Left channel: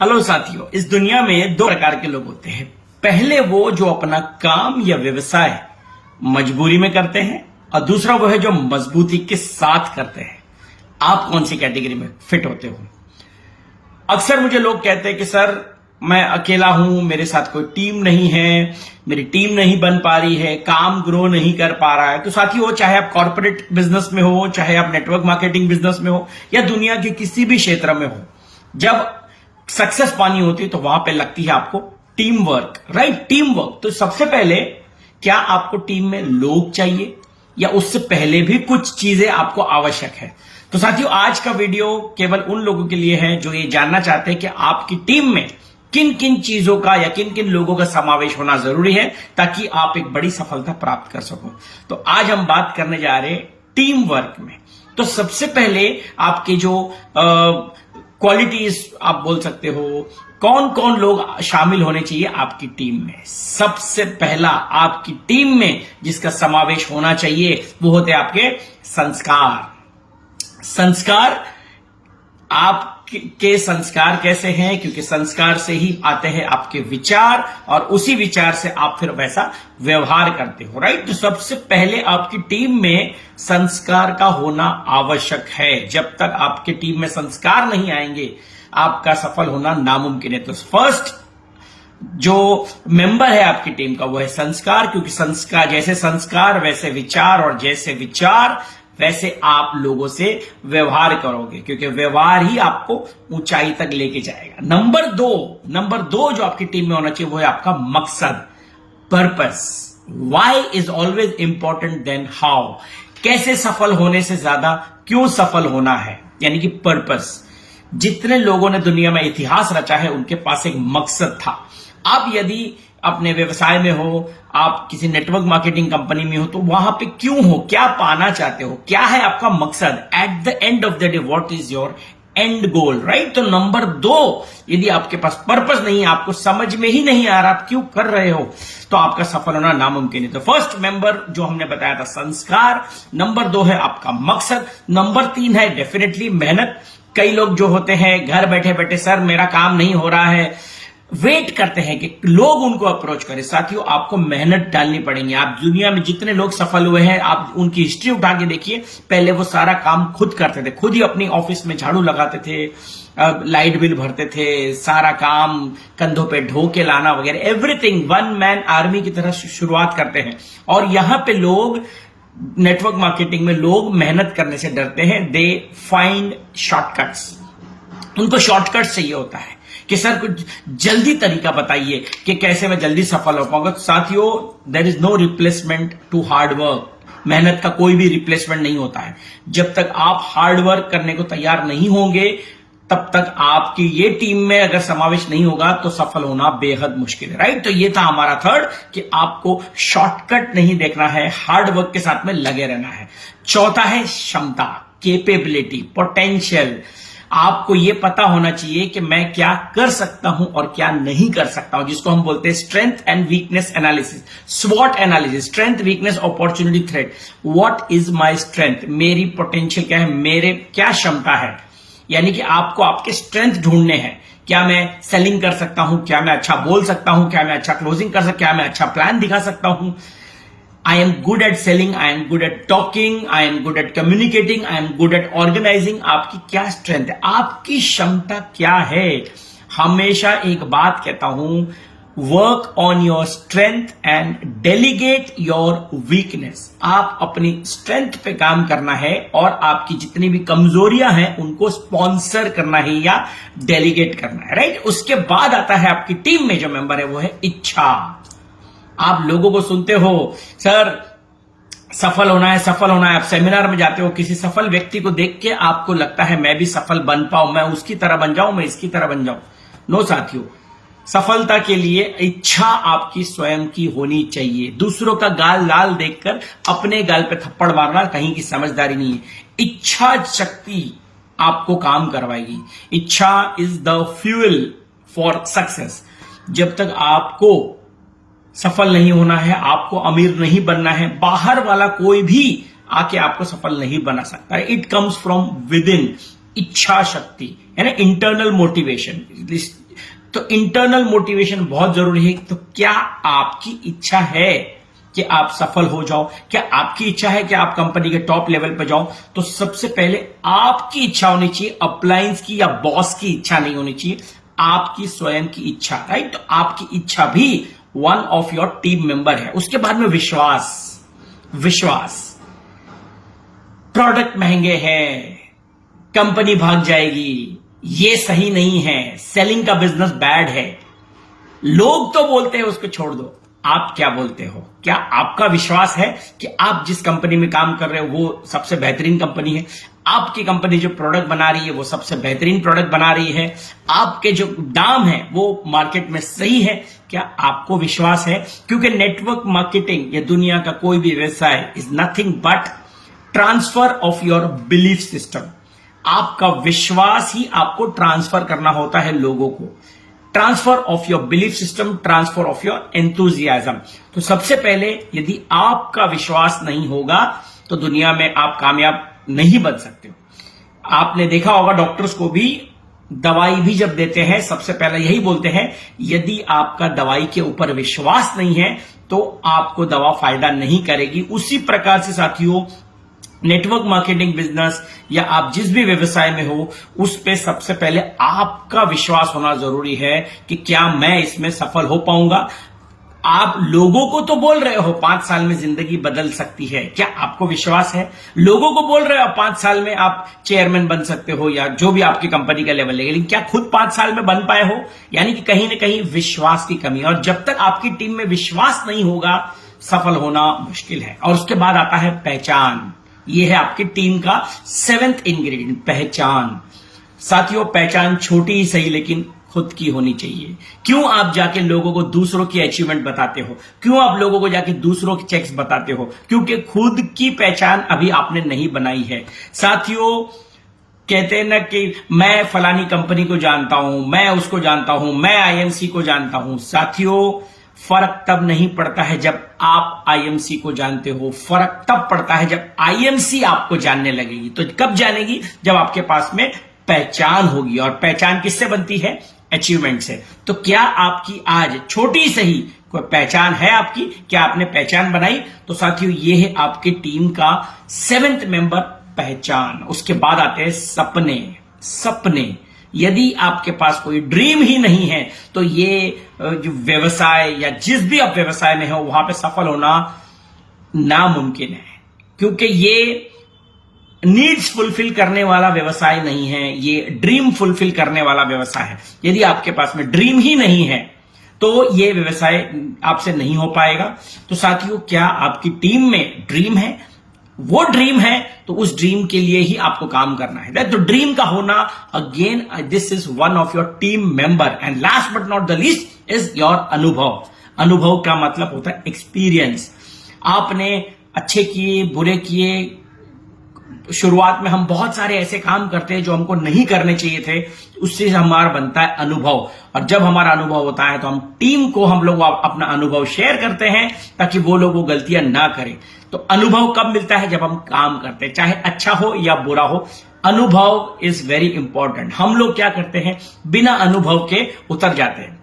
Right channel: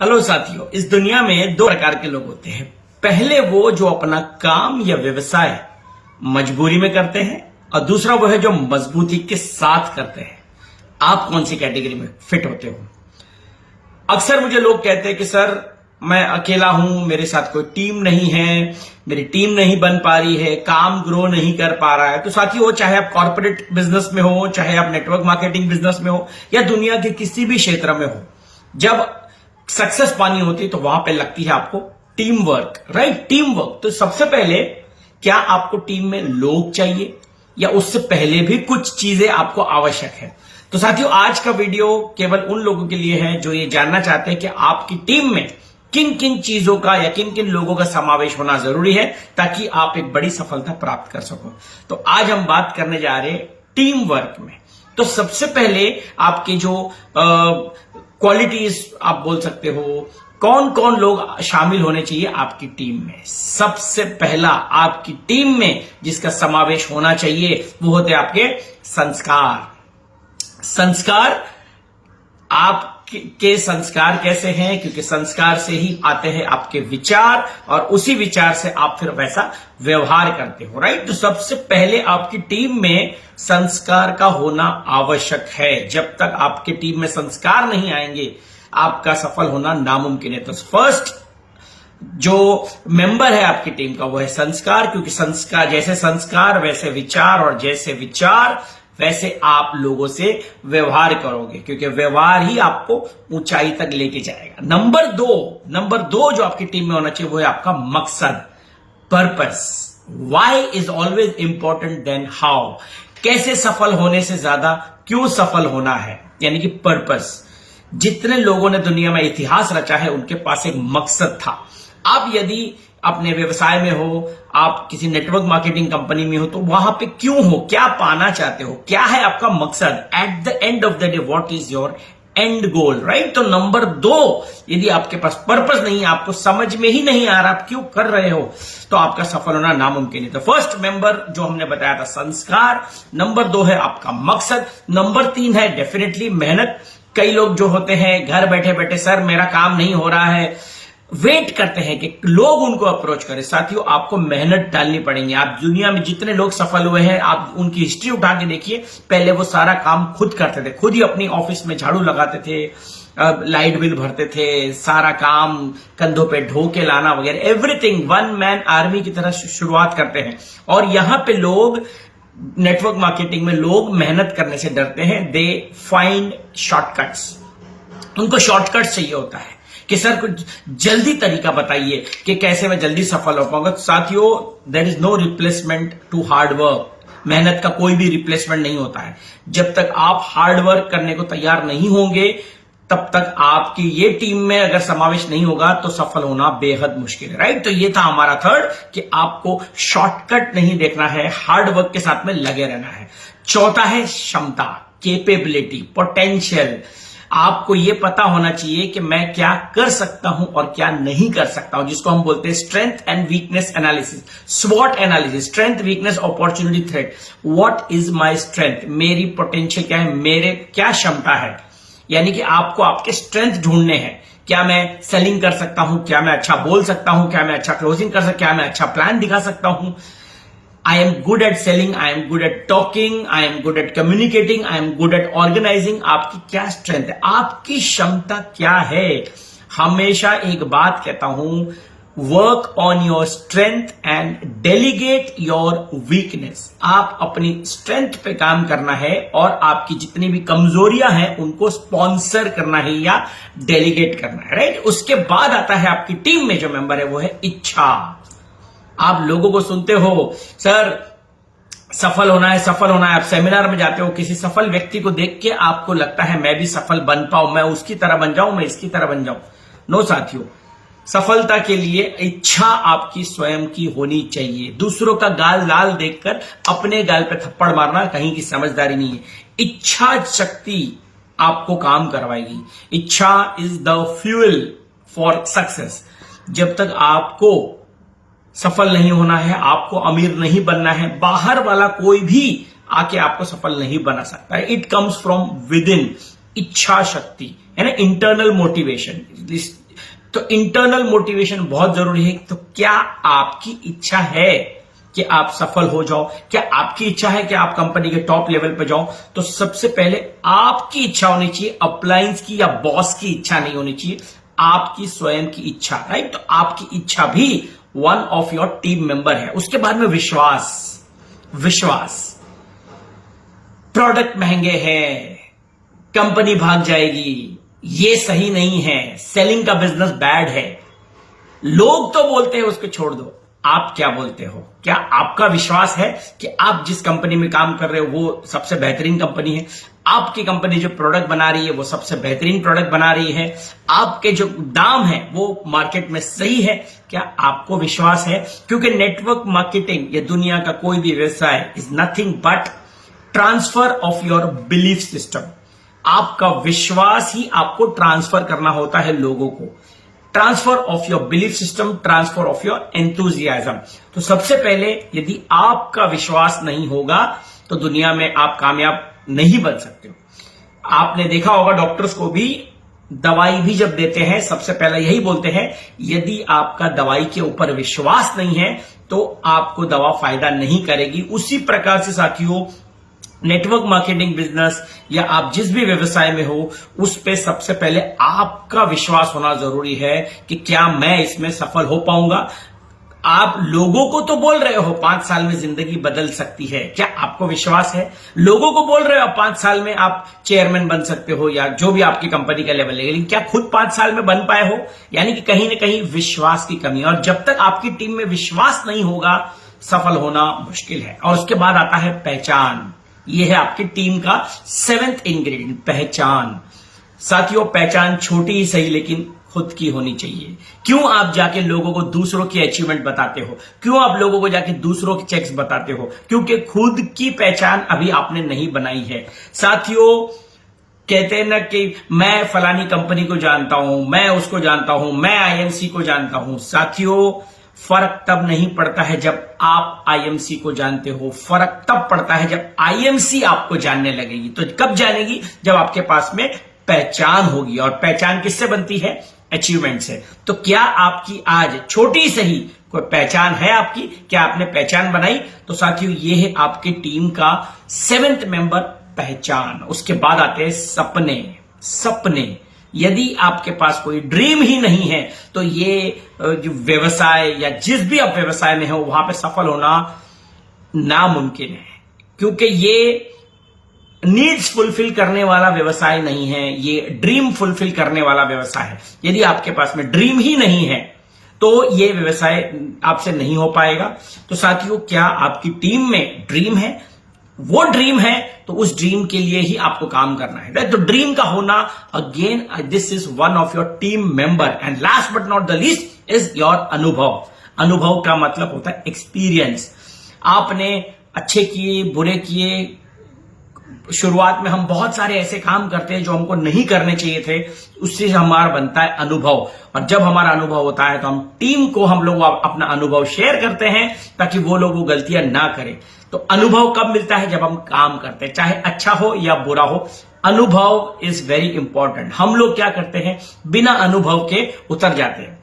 Hello साथियों, इस दुनिया में दो प्रकार के लोग होते हैं। पहले वो जो अपना काम या व्यवसाय मजबूरी में करते हैं और दूसरा वो है जो मजबूती के साथ करते हैं। आप कौन सी कैटेगरी में फिट होते हो? अक्सर मुझे लोग कहते हैं कि सर मैं अकेला हूं, मेरे साथ कोई टीम नहीं है, मेरी टीम नहीं बन पा रही है, काम ग्रो नहीं कर पा रहा है। तो साथियों, चाहे आप कॉर्पोरेट बिजनेस में हो, चाहे आप नेटवर्क मार्केटिंग बिजनेस में हो या दुनिया के किसी भी क्षेत्र में हो, जब सक्सेस पानी होती है तो वहां पे लगती है आपको team work, right? Team work. तो सबसे पहले क्या आपको टीम में लोग चाहिए या उससे पहले भी कुछ चीजें आपको आवश्यक है? तो साथियों, आज का वीडियो केवल उन लोगों के लिए है जो ये जानना चाहते हैं कि आपकी टीम में किन किन चीजों का या किन किन लोगों का समावेश होना जरूरी है ताकि आप एक बड़ी सफलता प्राप्त कर सको। तो आज हम बात करने जा रहे हैं टीम वर्क में। तो सबसे पहले आपके जो क्वालिटीज आप बोल सकते हो, कौन कौन लोग शामिल होने चाहिए आपकी टीम में। सबसे पहला आपकी टीम में जिसका समावेश होना चाहिए वो होते हैं आपके संस्कार। संस्कार, आपके संस्कार कैसे हैं? क्योंकि संस्कार से ही आते हैं आपके विचार और उसी विचार से आप फिर वैसा व्यवहार करते हो, राइट? तो सबसे पहले आपकी टीम में संस्कार का होना आवश्यक है। जब तक आपके टीम में संस्कार नहीं आएंगे आपका सफल होना नामुमकिन है। तो फर्स्ट जो मेंबर है आपकी टीम का वो है संस्कार, क्योंकि संस्कार, जैसे संस्कार वैसे विचार और जैसे विचार वैसे आप लोगों से व्यवहार करोगे, क्योंकि व्यवहार ही आपको ऊंचाई तक लेके जाएगा। नंबर दो जो आपकी टीम में होना चाहिए वो है आपका मकसद, purpose. Why is always important then how. कैसे सफल होने से ज्यादा क्यों सफल होना है, यानी कि पर्पस। जितने लोगों ने दुनिया में इतिहास रचा है उनके पास एक मकसद था। आप यदि अपने व्यवसाय में हो, आप किसी नेटवर्क मार्केटिंग कंपनी में हो, तो वहां पे क्यों हो, क्या पाना चाहते हो, क्या है आपका मकसद? At the end of the day what is your and goal, right? तो नंबर दो, यदि आपके पास पर्पस नहीं है, आपको समझ में ही नहीं आ रहा आप क्यों कर रहे हो, तो आपका सफल होना नामुमकिन है। तो फर्स्ट मेंबर जो हमने बताया था संस्कार, नंबर दो है आपका मकसद, नंबर तीन है डेफिनेटली मेहनत। कई लोग जो होते हैं घर बैठे बैठे, सर मेरा काम नहीं हो रहा है, वेट करते हैं कि लोग उनको अप्रोच करें। साथियों, आपको मेहनत डालनी पड़ेगी। आप दुनिया में जितने लोग सफल हुए हैं, आप उनकी हिस्ट्री उठा के देखिए। पहले वो सारा काम खुद करते थे, खुद ही अपनी ऑफिस में झाड़ू लगाते थे, लाइट बिल भरते थे, सारा काम कंधों पे ढो के लाना वगैरह, एवरीथिंग वन मैन आर्मी की तरह शुरुआत करते हैं। और यहां पे लोग, नेटवर्क मार्केटिंग में लोग मेहनत करने से डरते हैं। दे फाइंड शॉर्टकट्स, उनको शॉर्टकट चाहिए होता है कि सर कुछ जल्दी तरीका बताइए कि कैसे मैं जल्दी सफल हो पाऊंगा। तो साथियों, there is no replacement to hard work. मेहनत का कोई भी रिप्लेसमेंट नहीं होता है। जब तक आप हार्ड वर्क करने को तैयार नहीं होंगे तब तक आपकी ये टीम में अगर समावेश नहीं होगा तो सफल होना बेहद मुश्किल है, राइट? तो ये था हमारा थर्ड कि आपको शॉर्टकट नहीं देखना है, हार्ड वर्क के साथ में लगे रहना है। चौथा है क्षमता, केपेबिलिटी, पोटेंशियल। आपको यह पता होना चाहिए कि मैं क्या कर सकता हूं और क्या नहीं कर सकता हूं, जिसको हम बोलते हैं स्ट्रेंथ एंड वीकनेस एनालिसिस, स्वॉट analysis. Strength, weakness, opportunity, threat. What is my strength, मेरी पोटेंशियल क्या है, मेरे क्या क्षमता है। यानी कि आपको आपके स्ट्रेंथ ढूंढने हैं। क्या मैं सेलिंग कर सकता हूं, क्या मैं अच्छा बोल सकता हूं, क्या मैं अच्छा क्लोजिंग कर सकता हूं, क्या मैं अच्छा प्लान दिखा सकता हूं। I am good at selling, I am good at talking, I am good at communicating, I am good at organizing। आपकी क्या स्ट्रेंथ है, आपकी क्षमता क्या है? हमेशा एक बात कहता हूं, work on your strength and delegate your weakness. आप अपनी स्ट्रेंथ पे काम करना है और आपकी जितनी भी कमजोरियां हैं उनको स्पॉन्सर करना है या डेलीगेट करना है, राइट? उसके बाद आता है आपकी टीम में जो मेंबर है वो है इच्छा। आप लोगों को सुनते हो, सर सफल होना है, सफल होना है। आप सेमिनार में जाते हो, किसी सफल व्यक्ति को देख के आपको लगता है मैं भी सफल बन पाऊं, मैं उसकी तरह बन जाऊं, मैं इसकी तरह बन जाऊं। नो साथियों, सफलता के लिए इच्छा आपकी स्वयं की होनी चाहिए। दूसरों का गाल लाल देखकर अपने गाल पे थप्पड़ मारना कहीं की समझदारी नहीं है। इच्छा शक्ति आपको काम करवाएगी। इच्छा is the fuel for success. जब तक आपको सफल नहीं होना है, आपको अमीर नहीं बनना है, बाहर वाला कोई भी आके आपको सफल नहीं बना सकता है। It comes from with in. इच्छा शक्ति, है ना, इंटरनल मोटिवेशन। तो इंटरनल मोटिवेशन बहुत जरूरी है। तो क्या आपकी इच्छा है कि आप सफल हो जाओ? क्या आपकी इच्छा है कि आप कंपनी के टॉप लेवल पे जाओ? तो सबसे पहले आपकी इच्छा होनी चाहिए, अप्लायंस की या बॉस की इच्छा नहीं होनी चाहिए, आपकी स्वयं की इच्छा, राइट? तो आपकी इच्छा भी one of your team member है। उसके बाद में विश्वास, प्रोडक्ट महंगे हैं, कंपनी भाग जाएगी, ये सही नहीं है, सेलिंग का बिजनेस बैड है, लोग तो बोलते हैं उसको छोड़ दो। आप क्या बोलते हो? क्या आपका विश्वास है कि आप जिस कंपनी में काम कर रहे हो वो सबसे बेहतरीन कंपनी है? आपकी कंपनी जो प्रोडक्ट बना रही है वो सबसे बेहतरीन प्रोडक्ट बना रही है? आपके जो दाम है वो मार्केट में सही है? क्या आपको विश्वास है? क्योंकि नेटवर्क मार्केटिंग, ये दुनिया का कोई भी व्यवसाय is nothing but transfer of your belief system. आपका विश्वास ही आपको ट्रांसफर करना होता है लोगों को। Transfer of your belief system, transfer of your enthusiasm. तो सबसे पहले यदि आपका विश्वास नहीं होगा तो दुनिया में आप कामयाब नहीं बन सकते। आपने देखा होगा डॉक्टर्स को भी दवाई भी जब देते हैं सबसे पहले यही बोलते हैं, यदि आपका दवाई के ऊपर विश्वास नहीं है तो आपको दवा फायदा नहीं करेगी। उसी प्रकार से साथियों, नेटवर्क मार्केटिंग बिजनेस या आप जिस भी व्यवसाय में हो उस पे सबसे पहले आपका विश्वास होना जरूरी है कि क्या मैं इसमें सफल हो पाऊंगा। आप लोगों को तो बोल रहे हो 5 साल में जिंदगी बदल सकती है, क्या आपको विश्वास है? लोगों को बोल रहे हो 5 साल में आप चेयरमैन बन सकते हो या जो भी आपकी कंपनी का लेवल है, लेकिन क्या खुद 5 साल में बन पाए हो? यानी कि कहीं ना कहीं विश्वास की कमी है। और जब तक आपकी टीम में विश्वास नहीं होगा सफल होना मुश्किल है। और उसके बाद आता है पहचान। ये है आपकी टीम का 7th इंग्रेडिएंट, पहचान। साथियों, पहचान छोटी ही सही लेकिन खुद की होनी चाहिए। क्यों आप जाके लोगों को दूसरों की अचीवमेंट बताते हो? क्यों आप लोगों को जाके दूसरों के चेक्स बताते हो? क्योंकि खुद की पहचान अभी आपने नहीं बनाई है। साथियों, कहते हैं ना कि मैं फलानी कंपनी को जानता हूं, मैं उसको जानता हूं, मैं आईएमसी को जानता हूं। साथियों, फर्क तब नहीं पड़ता है जब आप आईएमसी को जानते हो, फर्क तब पड़ता है जब आईएमसी आपको जानने लगेगी। तो कब जानेगी? जब आपके पास में पहचान होगी। और पहचान किससे बनती है? अचीवमेंट से। तो क्या आपकी आज छोटी सही कोई पहचान है आपकी? क्या आपने पहचान बनाई? तो साथियों, ये है आपकी टीम का 7th मेंबर, पहचान। उसके बाद आते हैं सपने। यदि आपके पास कोई ड्रीम ही नहीं है तो ये जो व्यवसाय या जिस भी आप व्यवसाय में हो वहां पे सफल होना नामुमकिन है। क्योंकि ये नीड्स फुलफिल करने वाला व्यवसाय नहीं है, ये ड्रीम फुलफिल करने वाला व्यवसाय है। यदि आपके पास में ड्रीम ही नहीं है तो ये व्यवसाय आपसे नहीं हो पाएगा। तो साथियों, क्या आपकी टीम में ड्रीम है? वो ड्रीम है तो उस ड्रीम के लिए ही आपको काम करना है। तो ड्रीम का होना, again this is one of your team member. And last but not the least is your अनुभव। अनुभव का मतलब होता है एक्सपीरियंस। आपने अच्छे किए, बुरे किए, शुरुआत में हम बहुत सारे ऐसे काम करते हैं जो हमको नहीं करने चाहिए थे, उससे हमारा बनता है अनुभव। और जब हमारा अनुभव होता है तो हम टीम को हम लोग अपना अनुभव शेयर करते हैं ताकि वो लोग वो गलतियां ना करें। तो अनुभव कब मिलता है? जब हम काम करते हैं, चाहे अच्छा हो या बुरा हो। अनुभव इज वेरी इंपॉर्टेंट। हम लोग क्या करते हैं, बिना अनुभव के उतर जाते हैं।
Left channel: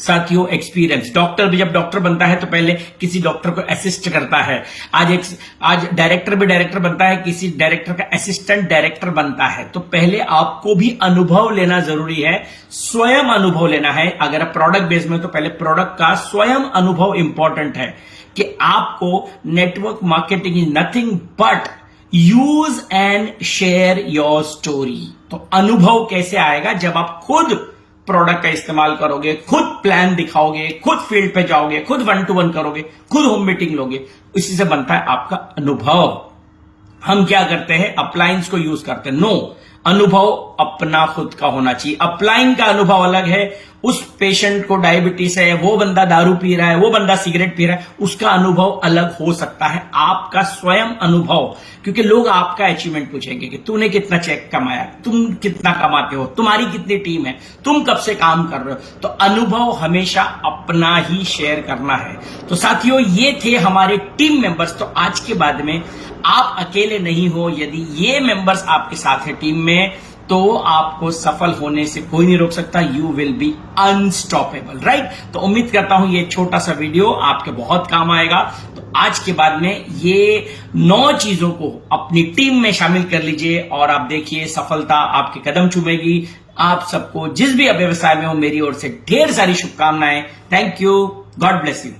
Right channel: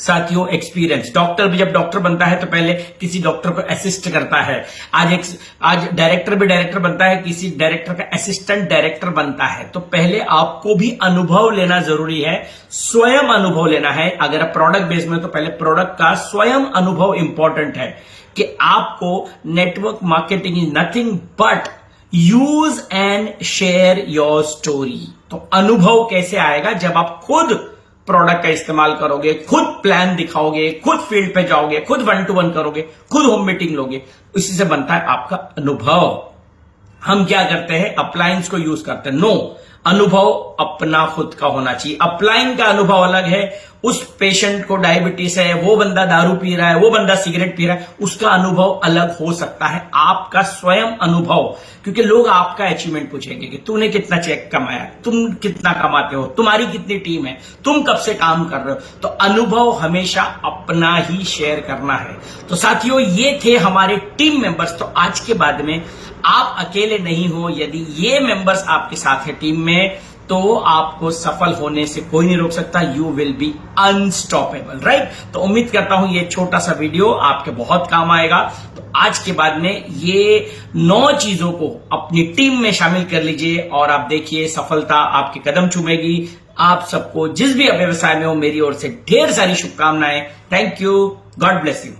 साथियों, एक्सपीरियंस। डॉक्टर भी जब डॉक्टर बनता है तो पहले किसी डॉक्टर को असिस्ट करता है। आज डायरेक्टर भी डायरेक्टर बनता है, किसी डायरेक्टर का असिस्टेंट डायरेक्टर बनता है। तो पहले आपको भी अनुभव लेना जरूरी है, स्वयं अनुभव लेना है। अगर प्रोडक्ट बेस में तो पहले प्रोडक्ट का स्वयं अनुभव इंपॉर्टेंट है कि आपको network marketing is nothing but use and share your story. तो अनुभव कैसे आएगा? जब आप खुद प्रोडक्ट का इस्तेमाल करोगे, खुद प्लान दिखाओगे, खुद फील्ड पे जाओगे, खुद 1-to-1 करोगे, खुद होम मीटिंग लोगे, इसी से बनता है आपका अनुभव। हम क्या करते हैं? अप्लायंस को यूज करते हैं। नो, अनुभव अपना खुद का होना चाहिए। अपलाइन का अनुभव अलग है। उस पेशेंट को डायबिटीज है, वो बंदा दारू पी रहा है, वो बंदा सिगरेट पी रहा है, उसका अनुभव अलग हो सकता है। आपका स्वयं अनुभव, क्योंकि लोग आपका अचीवमेंट पूछेंगे कि तूने कितना चेक कमाया, तुम कितना कमाते हो, तुम्हारी कितनी टीम है, तुम कब से काम कर रहे हो। तो अनुभव हमेशा अपना ही शेयर करना है। तो साथियों, ये थे हमारे टीम मेंबर्स। तो आज के बाद में आप अकेले नहीं हो। यदि ये मेंबर्स आपके साथ है टीम में तो आपको सफल होने से कोई नहीं रोक सकता। You will be unstoppable, right. तो उम्मीद करता हूं ये छोटा सा वीडियो आपके बहुत काम आएगा। तो आज के बाद में ये 9 चीजों को अपनी टीम में शामिल कर लीजिए और आप देखिए सफलता आपके कदम चूमेगी। आप सबको जिस भी व्यवसाय में हो मेरी ओर से ढेर सारी शुभकामनाएं। Thank you, God bless you.